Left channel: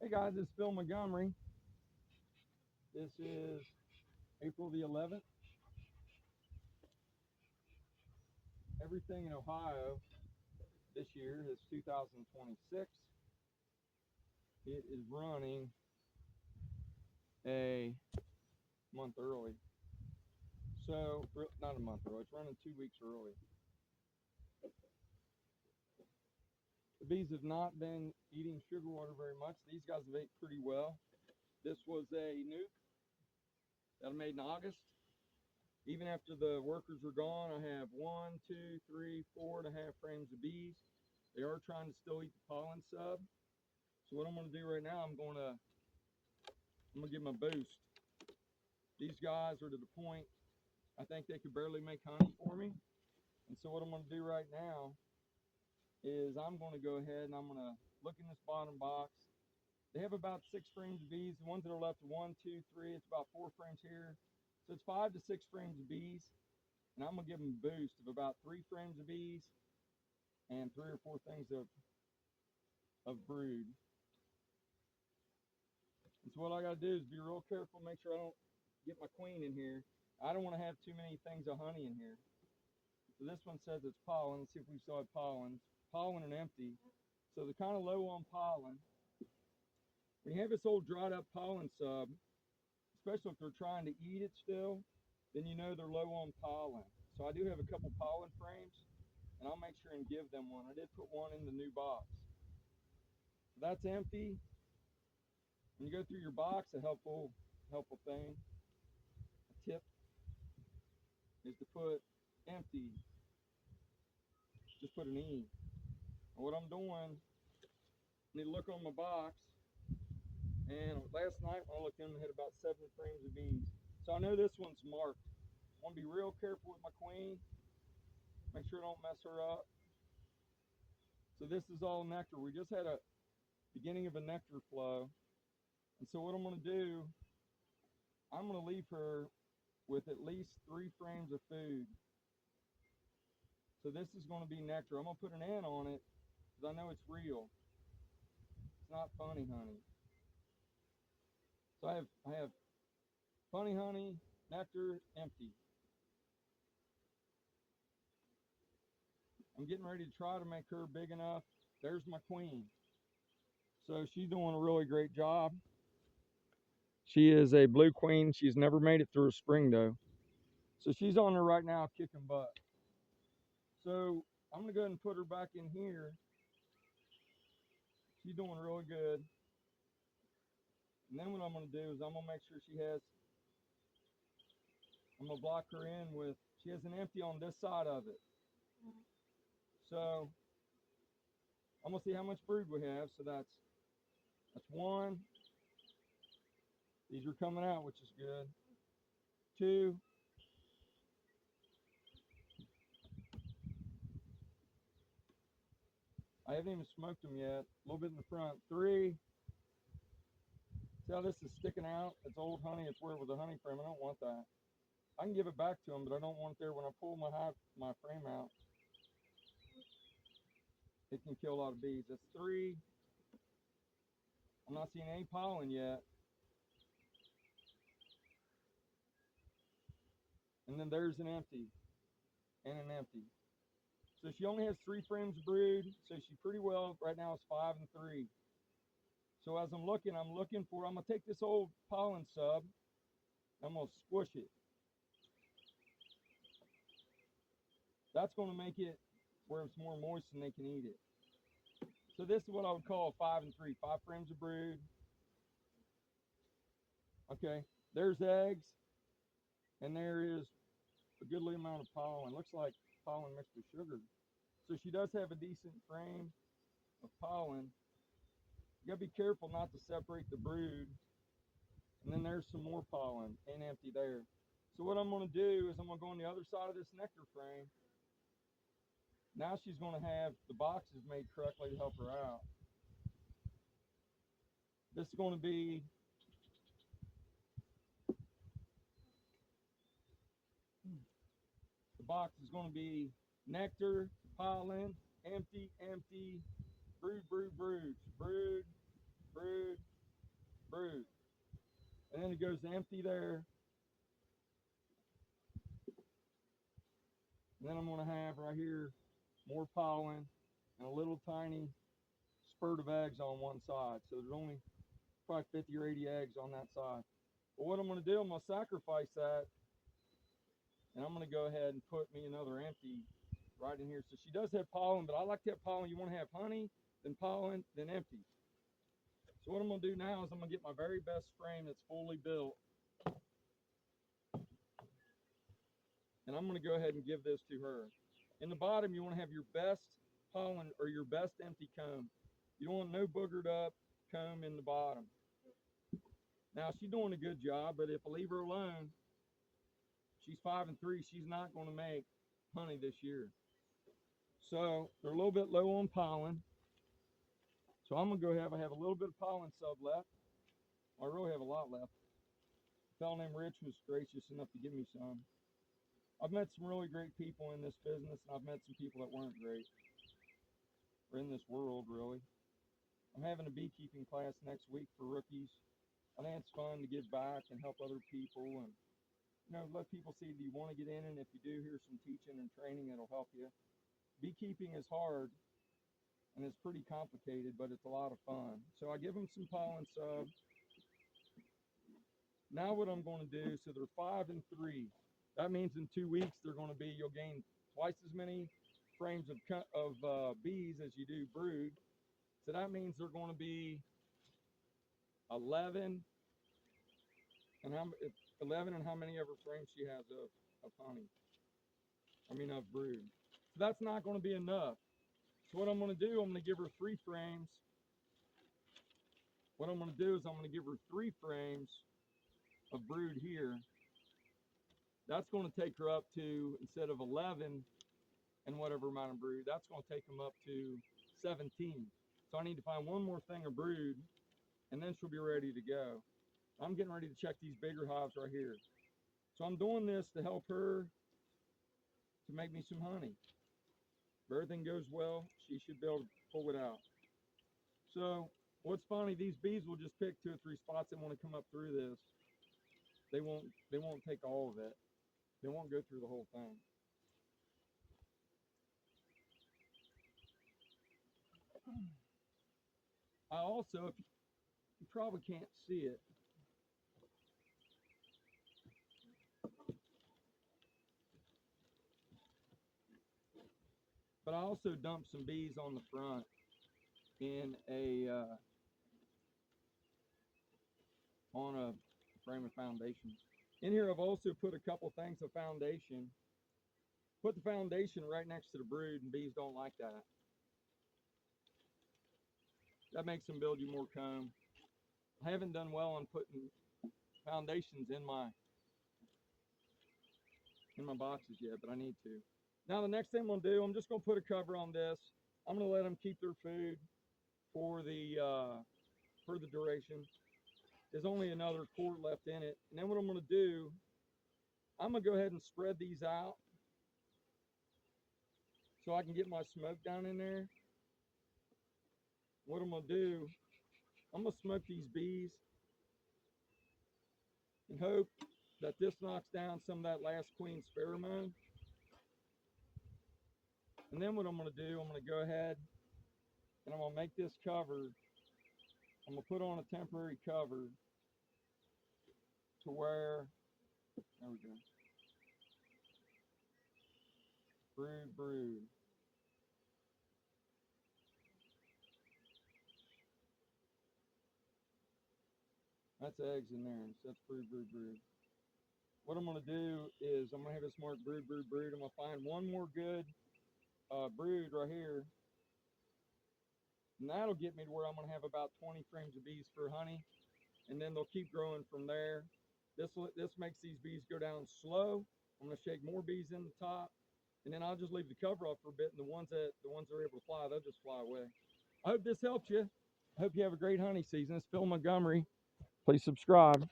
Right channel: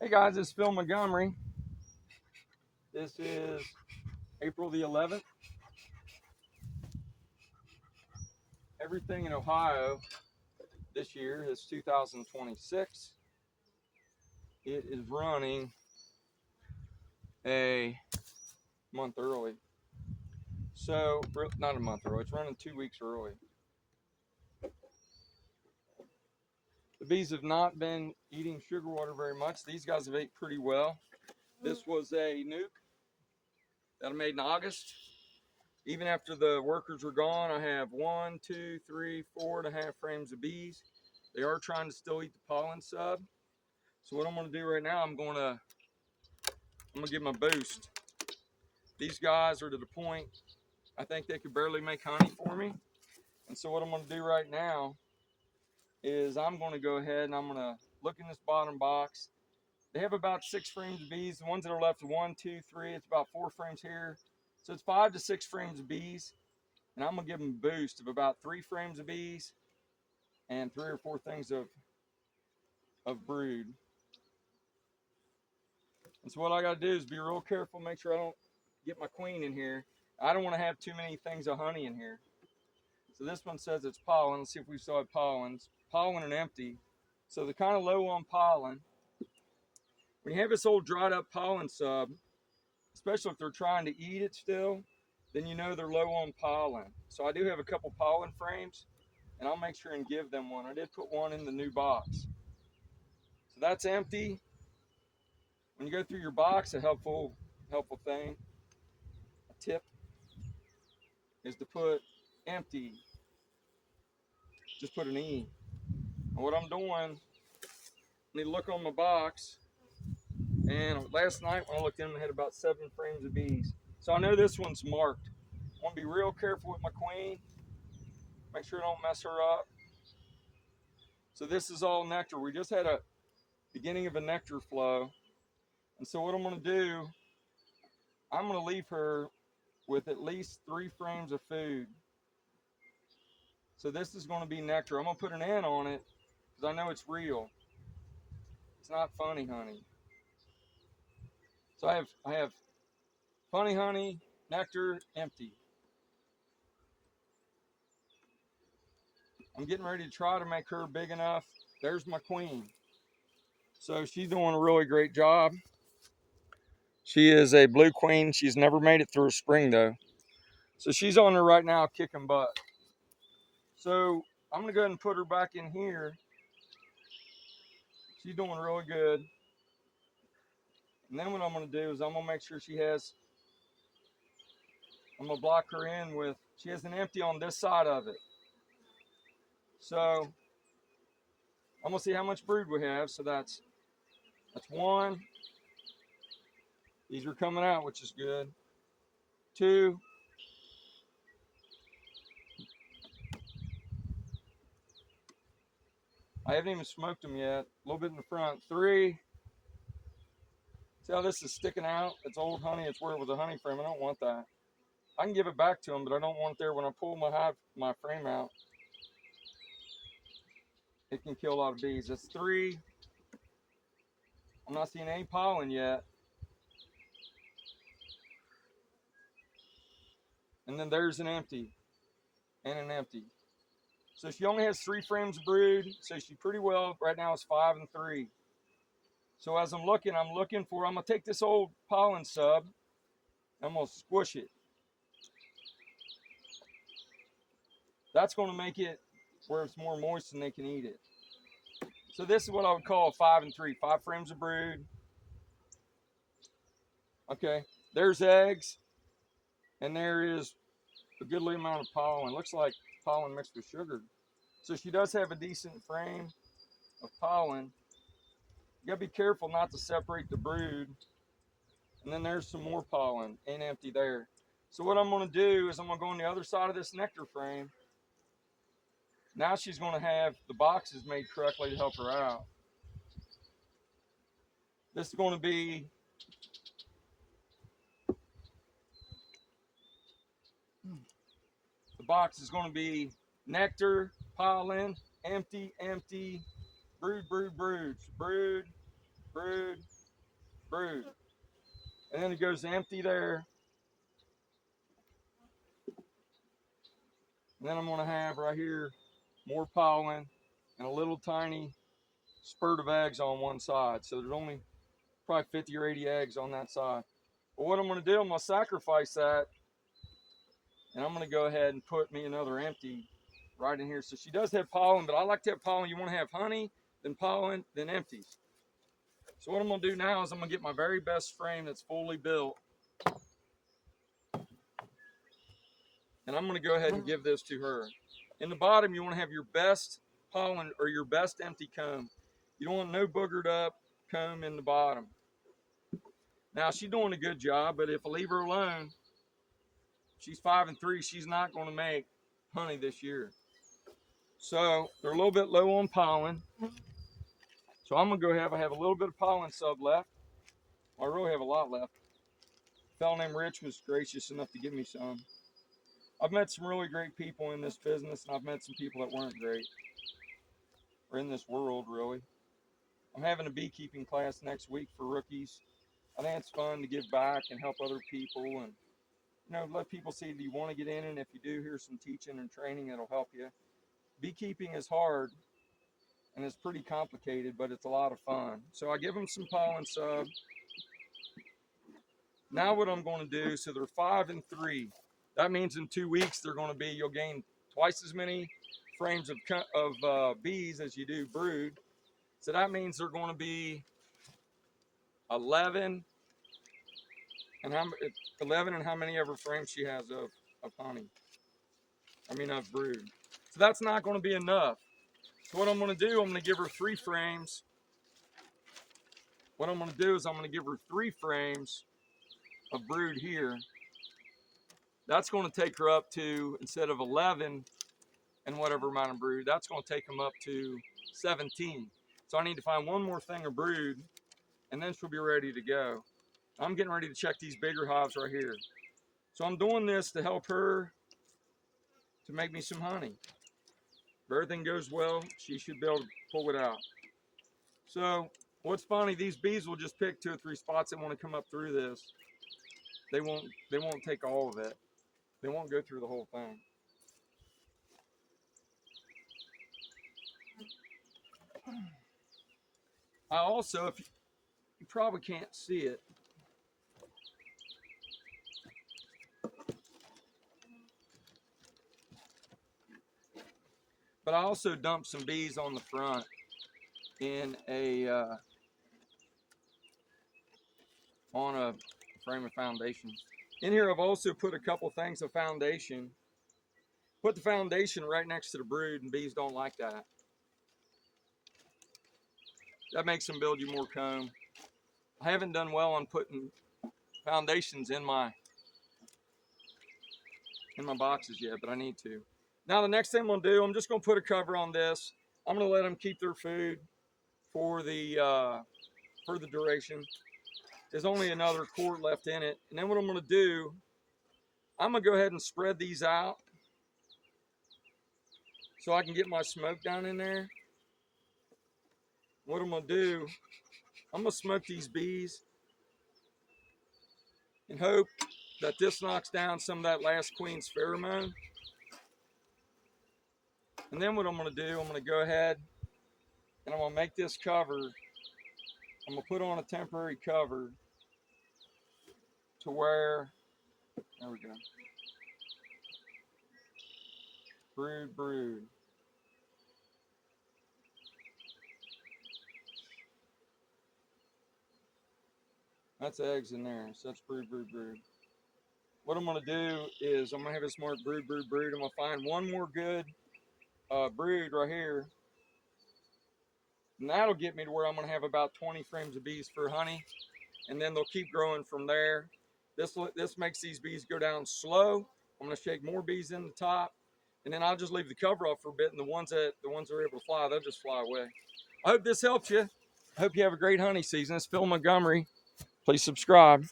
Hey guys, it's Phil Montgomery. This is April the 11th. Everything in Ohio this year is 2026. It is running a month early. So, not a month early, it's running 2 weeks early. The bees have not been eating sugar water very much. These guys have ate pretty well. This was a nuke that I made in August. Even after the workers were gone, I have 1, 2, 3, 4.5 frames of bees. They are trying to still eat the pollen sub. So what I'm going to do right now, I'm going to give them a boost. These guys are to the point, I think they could barely make honey for me. And so what I'm going to do right now is I'm going to go ahead and I'm going to look in this bottom box. They have about 6 frames of bees. The ones that are left are 1, 2, 3. It's about 4 frames here. So it's 5 to 6 frames of bees. And I'm going to give them a boost of about 3 frames of bees and 3 or 4 things of brood. And so what I got to do is be real careful, make sure I don't get my queen in here. I don't want to have too many things of honey in here. So this one says it's pollen. Let's see if we still have pollens. Pollen and empty. So they're kind of low on pollen. When you have this old dried up pollen sub, especially if they're trying to eat it still, then you know they're low on pollen. So I do have a couple pollen frames, and I'll make sure and give them one. I did put one in the new box. So that's empty. When you go through your box, a helpful thing, a tip, is to put empty. Just put an E. And what I'm doing, I need to look on my box. And last night when I looked in, I had about 7 frames of bees. So I know this one's marked. I want to be real careful with my queen. Make sure I don't mess her up. So this is all nectar. We just had a beginning of a nectar flow. And so what I'm going to do, I'm going to leave her with at least 3 frames of food. So this is going to be nectar. I'm going to put an N on it because I know it's real. It's not funny honey. So I have funny honey, nectar, empty. I'm getting ready to try to make her big enough. There's my queen. So she's doing a really great job. She is a blue queen. She's never made it through a spring though. So she's on there right now kicking butt. So I'm gonna go ahead and put her back in here. She's doing really good. And then what I'm gonna do is I'm gonna make sure I'm gonna block her in with, she has an empty on this side of it. So I'm gonna see how much brood we have. So that's 1. These are coming out, which is good. 2. I haven't even smoked them yet. A little bit in the front. 3. See how this is sticking out? It's old honey. It's where it was a honey frame. I don't want that. I can give it back to them, but I don't want it there. When I pull my frame out, it can kill a lot of bees. That's 3. I'm not seeing any pollen yet. And then there's an empty and an empty. So she only has 3 frames of brood. So she pretty well right now is 5 and 3. So as I'm looking for, I'm gonna take this old pollen sub, I'm gonna squish it. That's gonna make it where it's more moist and they can eat it. So this is what I would call a 5 and 3, 5 frames of brood. Okay, there's eggs, and there is a goodly amount of pollen. Looks like pollen mixed with sugar. So she does have a decent frame of pollen. You gotta be careful not to separate the brood. And then there's some more pollen and empty there. So what I'm gonna do is I'm gonna go on the other side of this nectar frame. Now she's gonna have the boxes made correctly to help her out. This is gonna be the box is gonna be nectar, pollen, empty, empty, brood, brood, brood, brood, brood, brood. And then it goes empty there. And then I'm going to have right here more pollen and a little tiny spurt of eggs on one side. So there's only probably 50 or 80 eggs on that side. But what I'm going to do, I'm going to sacrifice that. And I'm going to go ahead and put me another empty right in here. So she does have pollen, but I like to have pollen. You want to have honey, then pollen, then empties. So what I'm going to do now is I'm going to get my very best frame that's fully built. And I'm going to go ahead and give this to her. In the bottom, you want to have your best pollen or your best empty comb. You don't want no boogered up comb in the bottom. Now, she's doing a good job, but if I leave her alone, she's 5 and 3, she's not going to make honey this year. So they're a little bit low on pollen. So I'm going to go I have a little bit of pollen sub left. I really have a lot left. A fellow named Rich was gracious enough to give me some. I've met some really great people in this business, and I've met some people that weren't great, or in this world, really. I'm having a beekeeping class next week for rookies. I think it's fun to give back and help other people, and let people see that you want to get in, and if you do, here's some teaching and training that'll help you. Beekeeping is hard, and it's pretty complicated, but it's a lot of fun. So I give them some pollen sub. Now what I'm going to do, so they're 5 and 3. That means in 2 weeks you'll gain twice as many frames of bees as you do brood. So that means they're going to be 11 and how many ever frames she has of honey. Of brood. So that's not going to be enough. So what I'm going to do, I'm going to give her 3 frames. What I'm going to do is I'm going to give her 3 frames of brood here. That's going to take her up to, instead of 11 and whatever amount of brood, that's going to take them up to 17. So I need to find one more thing of brood, and then she'll be ready to go. I'm getting ready to check these bigger hives right here. So I'm doing this to help her to make me some honey. If everything goes well, she should be able to pull it out. So what's funny, these bees will just pick 2 or 3 spots that want to come up through this. They won't take all of it. They won't go through the whole thing. I also, if you probably can't see it, but I also dumped some bees on the front in on a frame of foundation. In here, I've also put a couple things of foundation. Put the foundation right next to the brood, and bees don't like that. That makes them build you more comb. I haven't done well on putting foundations in my boxes yet, but I need to. Now the next thing I'm going to do, I'm just going to put a cover on this. I'm going to let them keep their food for the duration. There's only another quart left in it. And then what I'm going to do, I'm going to go ahead and spread these out so I can get my smoke down in there. What I'm going to do, I'm going to smoke these bees and hope that this knocks down some of that last queen's pheromone. And then what I'm going to do, I'm going to go ahead and I'm going to make this cover. I'm going to put on a temporary cover to where, there we go, brood, brood. That's eggs in there, so that's brood, brood, brood. What I'm going to do is I'm going to have this marked brood, brood, brood. I'm going to find one more good brood right here. And that'll get me to where I'm going to have about 20 frames of bees for honey. And then they'll keep growing from there. This makes these bees go down slow. I'm going to shake more bees in the top. And then I'll just leave the cover off for a bit. And the ones that are able to fly, they'll just fly away. I hope this helps you. I hope you have a great honey season. It's Phil Montgomery. Please subscribe.